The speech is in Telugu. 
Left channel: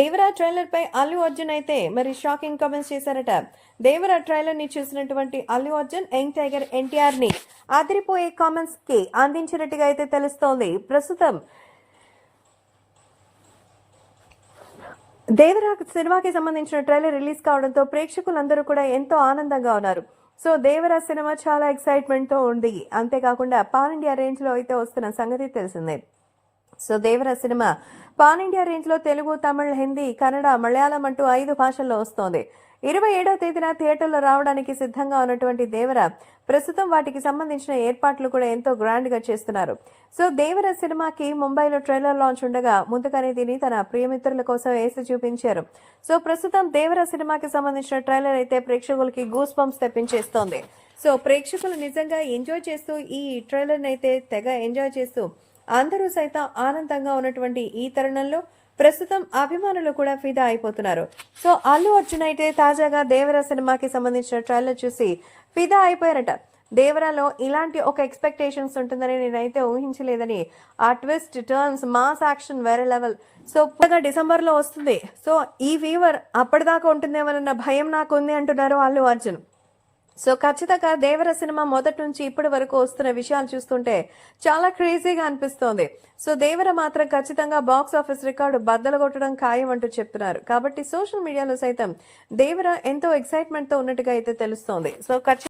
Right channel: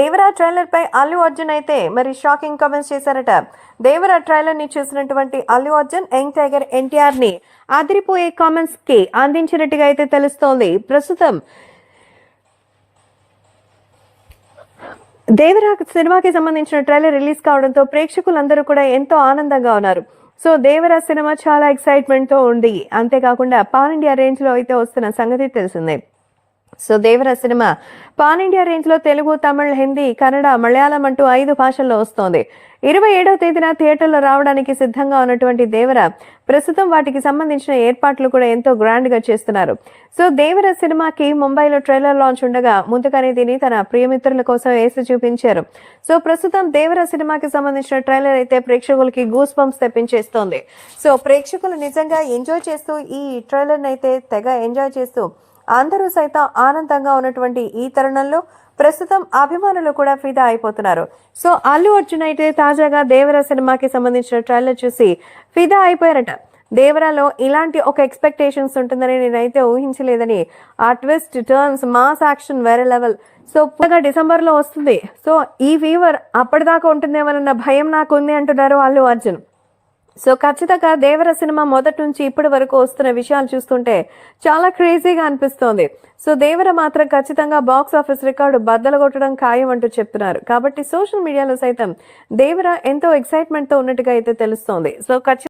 దేవరా ట్రైలర్ పై అల్లు అర్జున్ అయితే మరి షాకింగ్ కామెంట్స్ చేశారట. దేవరా ట్రైలర్ ని చూసినటువంటి అల్లు అర్జున్ యంగ్ టైగర్ ఎన్టీఆర్ ని అదిరిపోయే కామెంట్స్ కి అందించినట్టుగా అయితే తెలుస్తోంది. ప్రస్తుతం దేవరా సినిమాకి సంబంధించిన ట్రైలర్ రిలీజ్ కావడంతో ప్రేక్షకులందరూ కూడా ఎంతో ఆనందంగా ఉన్నారు. సో దేవరా సినిమా చాలా ఎక్సైట్మెంట్ తో ఉంది. అంతేకాకుండా పాన్ ఇండియా రేంజ్ లో అయితే వస్తున్న సంగతి తెలిసిందే. So Devara cinema pan India range లో తెలుగు, తమిళ్, హిందీ, కన్నడ, మలయాళం అంటూ 5 భాషల్లో వస్తోంది. 27వ తేదీన థియేటర్లో రావడానికి సిద్ధంగా ఉన్నటువంటి దేవరా ప్రస్తుతం వాటికి సంబంధించిన ఏర్పాట్లు కూడా ఎంతో గ్రాండ్ గా చేస్తున్నారు. సో దేవరా సినిమాకి ముంబైలో ట్రైలర్ లాంచ్ ఉండగా ముందుగానే దీన్ని తన ప్రియమిత్రుల కోసం వేసి చూపించారు. సో ప్రస్తుతం దేవరా సినిమాకి సంబంధించిన ట్రైలర్ అయితే ప్రేక్షకులకి గూస్ బంప్స్ తెప్పించేస్తోంది. సో ప్రేక్షకులు నిజంగా ఎంజాయ్ చేస్తూ ఈ ట్రైలర్ అయితే తెగ ఎంజాయ్ చేస్తూ అందరూ సైతం ఆనందంగా ఉన్నటువంటి ఈ తరుణంలో ప్రస్తుతం అభిమానులు కూడా ఫిదా అయిపోతున్నారు. సో అల్లు అర్జున్ అయితే తాజాగా దేవరా సినిమాకి సంబంధించిన ట్రైలర్ చూసి ఫిదా అయిపోయారట. దేవరాలో ఇలాంటి ఒక ఎక్స్పెక్టేషన్స్ ఉంటుందని నేనైతే ఊహించలేదని, ఆ ట్విస్ట్, టర్న్స్, మాస్ యాక్షన్ వేరే లెవెల్. సో డిసెంబర్ లో వస్తుంది. సో ఈ ఫీవర్ అప్పటిదాకా ఉంటుందేమోనన్న భయం నాకు ఉంది అంటున్నారు అల్లు అర్జున్. సో ఖచ్చితంగా దేవర సినిమా మొదటి నుంచి ఇప్పటి వరకు వస్తున్న విషయాలు చూస్తుంటే చాలా క్రేజీగా అనిపిస్తోంది. సో దేవర మాత్రం ఖచ్చితంగా బాక్స్ ఆఫీస్ రికార్డు బద్దలు కొట్టడం ఖాయం అంటూ చెప్తున్నారు. కాబట్టి సోషల్ మీడియాలో సైతం దేవర ఎంతో ఎక్సైట్మెంట్ తో ఉన్నట్టుగా అయితే తెలుస్తోంది. సో